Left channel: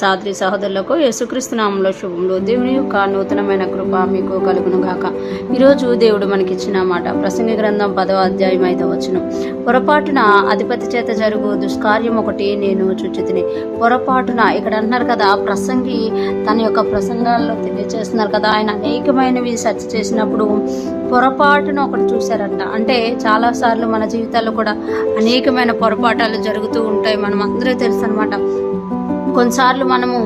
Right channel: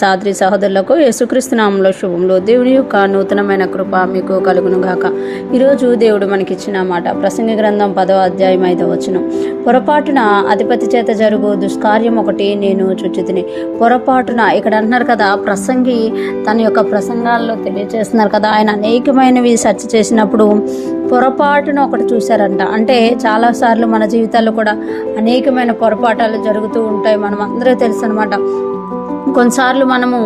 సహోదరి సహోదరులకు యేసుక్రీస్తు నామములో శుభములు. దేవుని యొక్క నూతనమైన కృప మీకు కలుగును గాక. ఈరోజు దేవుడు మనకిచ్చిన మాట ప్రసంగి గ్రంథం 10వ అధ్యాయం 5వ వచనం. పొరపాటున అధిపతి చేత జరుగు దుష్కార్యం ఒకటి నేను చూచితిని. పొరపాటున ఇక్కడ అంటున్నారు కదా, ప్రసంగి తన యొక్క ప్రసంగాల్లో తెలియజేస్తున్నారు కదా, ఆయన అనేకమైనవి సెర్చ్ చేసినప్పుడు పొరపాటున ఒకటి చూశారంట. అంటే చాలాసార్లు మన జీవితాల్లో కూడా అనేకమైన పొరపాటాలు జరుగుతూ ఉంటాయి. మనం అందరూ తెలుసు అనమాట. కొన్నిసార్లు మనము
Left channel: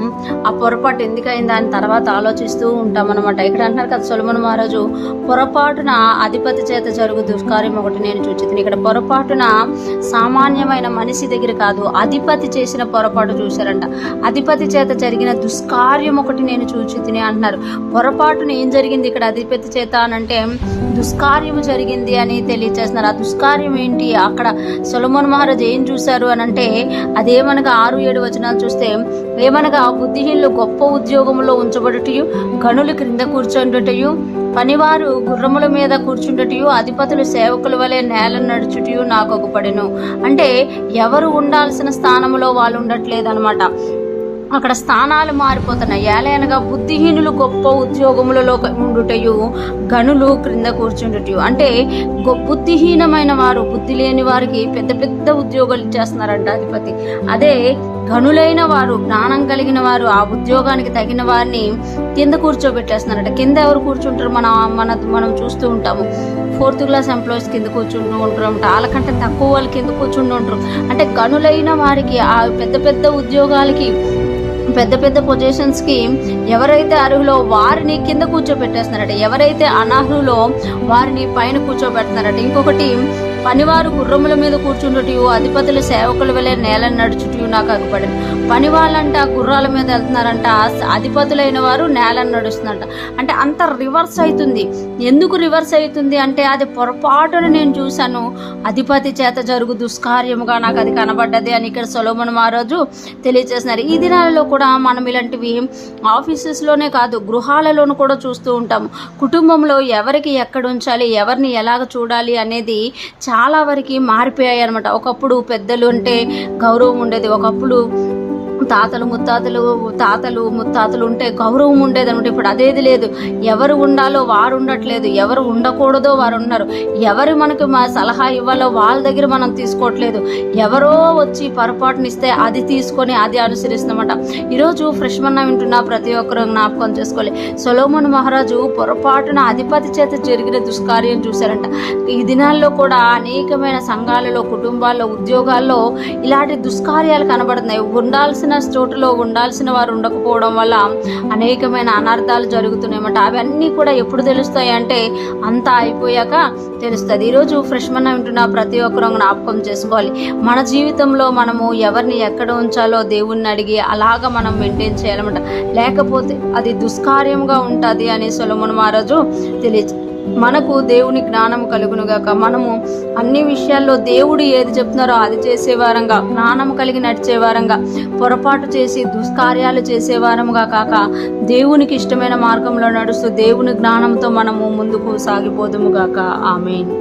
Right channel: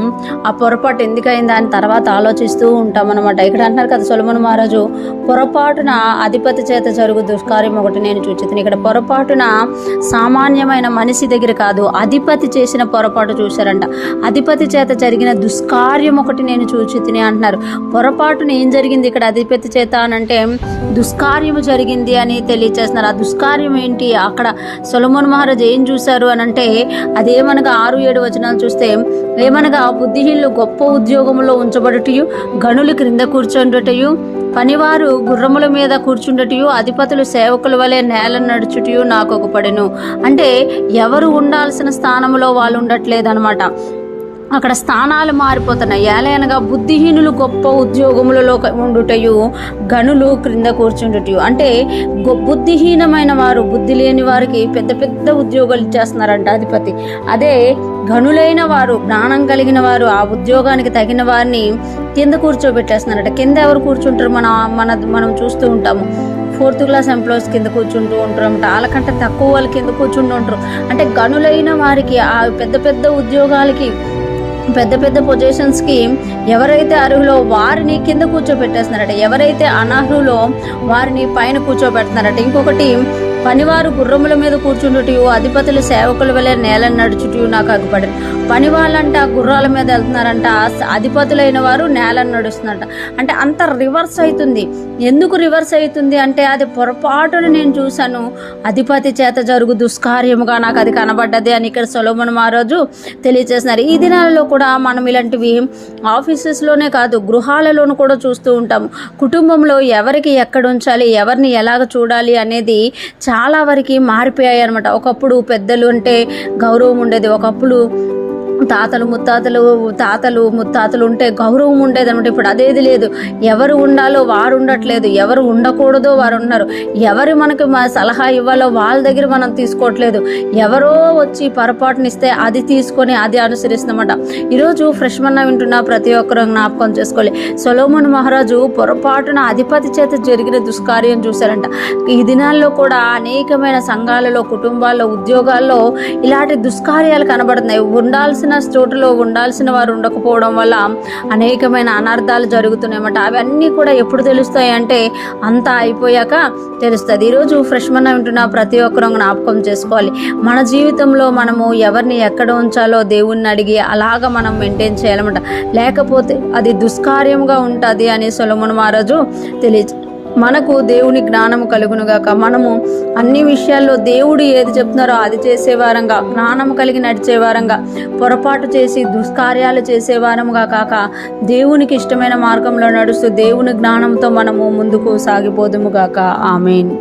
ఆ పొరపాటు ఎందుకైంది అని తర్వాత ఆలోచిస్తూ ఉంటాం అనమాట. ఇక్కడ అంటున్నారు కదా, సొలొమోను మహారాజు పొరపాటున అధిపతి చేత జరుగు దుష్కార్యం ఒకటి నేను చూచితిని. ఇక్కడ పొరపాటున సామాన్యమైన మనిషి దగ్గర కాదు, అధిపతి చేసిన పొరపాటు చూశారంట. అధిపతి చేత జరిగిన దుష్కార్యం ఒకటి నేను చూచితిని అంటున్నారు. పొరపాటున ఏం జరిగింది ఇక్కడ అధిపతి చేత అనంటే దుష్కార్యము జరిగింది అని తెలియచేస్తున్నారు. ఆ దుష్కార్యం ఏంటి? అక్కడ సొలొమోను మహారాజు ఏం చూశారు అనంటే అదేమనగా 6-7 వచనాలు చూస్తే ఏమనగా బుద్ధిహీనులు గొప్ప ఉద్యోగంలో ఉంచబడుటయు, గనులు క్రింద కూర్చొండుటయు, పనివారు గుర్రముల మీద కూర్చుండటయు, అధిపతులు సేవకుల వలె నేల నడుచుటయు నాకు ఒకపడెను. అంటే ఎవరు ఉండాల్సిన స్థానంలో వాళ్ళు ఉండట్లేదన్నమాట. అక్కడ స్థానాలు మారిపోతున్నాయి. ఏలయనగా బుద్ధిహీనులు గొప్ప ఉద్యోగములలో ఉండుటయు, గనులు క్రింద కూర్చుండుటయు. అంటే బుద్ధిహీనమైన వారు, బుద్ధి లేని వారికి పెద్ద పెద్ద ఉద్యోగాలు ఇచ్చేస్తున్నారంట అధిపతి. అదే గనులైన వారు, జ్ఞానం కలిగిన వారు, ఆ ఉద్యోగానికి తగిన వారిని కింద కూర్చోబెట్టేస్తున్నారట. కింద ఎవరు కూర్చుంటారు? మనం చూస్తూ ఉంటాము. 4th క్లాస్ ఎంప్లాయీస్ కింద కూర్చుంటూ ఉంటారు. వాళ్ళకంటే తక్కువ వాళ్ళు కింద కూర్చుంటూ ఉంటారు. అంటే గనులైన వారికి, ఆ పెద్ద పెద్ద ఉద్యోగాలకి, పెద్ద పెద్ద పొజిషన్స్కి ఎవరైతే అర్హులో వారిని కింద కూర్చోబెట్టేస్తున్నారట. ఎవరైతే అనర్హులో వారిని పైన కూర్చోబెడుతున్నారట. ఇంకొకటి, పనివారు గుర్రముల మీద కూర్చుండుటయు, అధిపతులు సేవకుల వలె నేల నడుచుటయు నాకు అగ్గుపడను. పని వాళ్ళంట గుర్రాల మీద వెళ్తున్నారంట, అధిపతులైన వారు నేలను నడుస్తున్నారంట. అంటే అంత రివర్స్ అవుతుంది. ఎందుకు రివర్స్ అవుతుంది అంటే అది పొరపాటును నేను చూశాను, అధిపతి చేత జరుగు దుష్కార్యముగా నాకు అది కనబడ్డది అని ఇక్కడ సొలొమోను మహారాజు తెలియజేస్తున్నారు. ఈ దినాలలో కూడా మనం ఇలాంటివి ఆఫీసెస్లోనే కాదు, గృహాలలోనూ కూడా చూస్తూ ఉంటాము. కుటుంబంలో ఎవరికి ఎక్కడ ఉంచాలి, ఎవరిని ఎలాగ చూడాలి అనేది చాలా వరకు మారిపోయాయి అనమాట. ఒకప్పుడు పెద్దలు అంటే గౌరవం ఉండేది. ఒకప్పుడు తాతలు ముత్తాతలు ఉంటే గౌరవం ఉండేది అనమాట. ఇప్పుడు అదేది లేదు. ఎవరు ఉండాలో వారు ఉండట్లేదు, ఎవరు ఉండకూడదో వారు ఉన్నారు. ఎవరు మనకి సలహా ఇవ్వాలో వాళ్ళ దగ్గర మనం తీసుకోవట్లేదు. ఎవరో వచ్చి పొరపాటునిస్తే అది తీసుకొని అది అనుసరిస్తున్నమాట. ఈరోజు ఫ్రెష్ మన్నా వింటున్న ప్రతి ఒక్కరూ జ్ఞాపకం చేసుకోవాలి. సొలొమోను మహారాజు పొరపాటున అధిపతి చేత జరిగిన దుష్కార్యం చూశారంట. ఈ దినాల్లో కూడా అనేకమైన సంఘాలలో, కుటుంబాల్లో, ఉద్యోగాల్లో ఇలాంటి దుష్కార్యాలు కనబడుతున్నాయి. ఉండాల్సిన చోటులో ఉండాల్సిన వారు ఉండకపోవడం వల్ల అనేకమైన అనర్థాలు జరుగుతున్నాయన్నమాట. అవన్నీ కూడా ఎప్పుడు తెలుస్తాయి అంటే అంతా అయిపోయాక తెలుస్తుంది. ఈరోజు ఫ్రెష్ మన్నా వింటున్న ప్రతి ఒక్కరూ జ్ఞాపకం చేసుకోవాలి. మన జీవితంలో మనము ఎవరిని ఎక్కడ ఉంచాలో దేవుణ్ణి అడిగి అలాగ మనం మెయింటైన్ చేయాలన్నమాట. లేకపోతే అది దుష్కార్యంగా ఉంటుంది అని సొలొమోను మహారాజు మనకు దేవుని జ్ఞానము కలుగునుగాక. మనము అన్ని విషయాల్లో దేవుడు ఏది చెప్తున్నారో అది చేసేవారంగా, జ్ఞానము కలిగి నడిచేవారంగా, పొరపాటు చేసి దుష్కార్యాలు చేసేవారంగా కాక దేవునికి ఇష్టమైన మార్గంలో నడుస్తూ దేవుని జ్ఞానంతో మనము ముందుకు సాగిపోదుముగాక. ఆమేన్.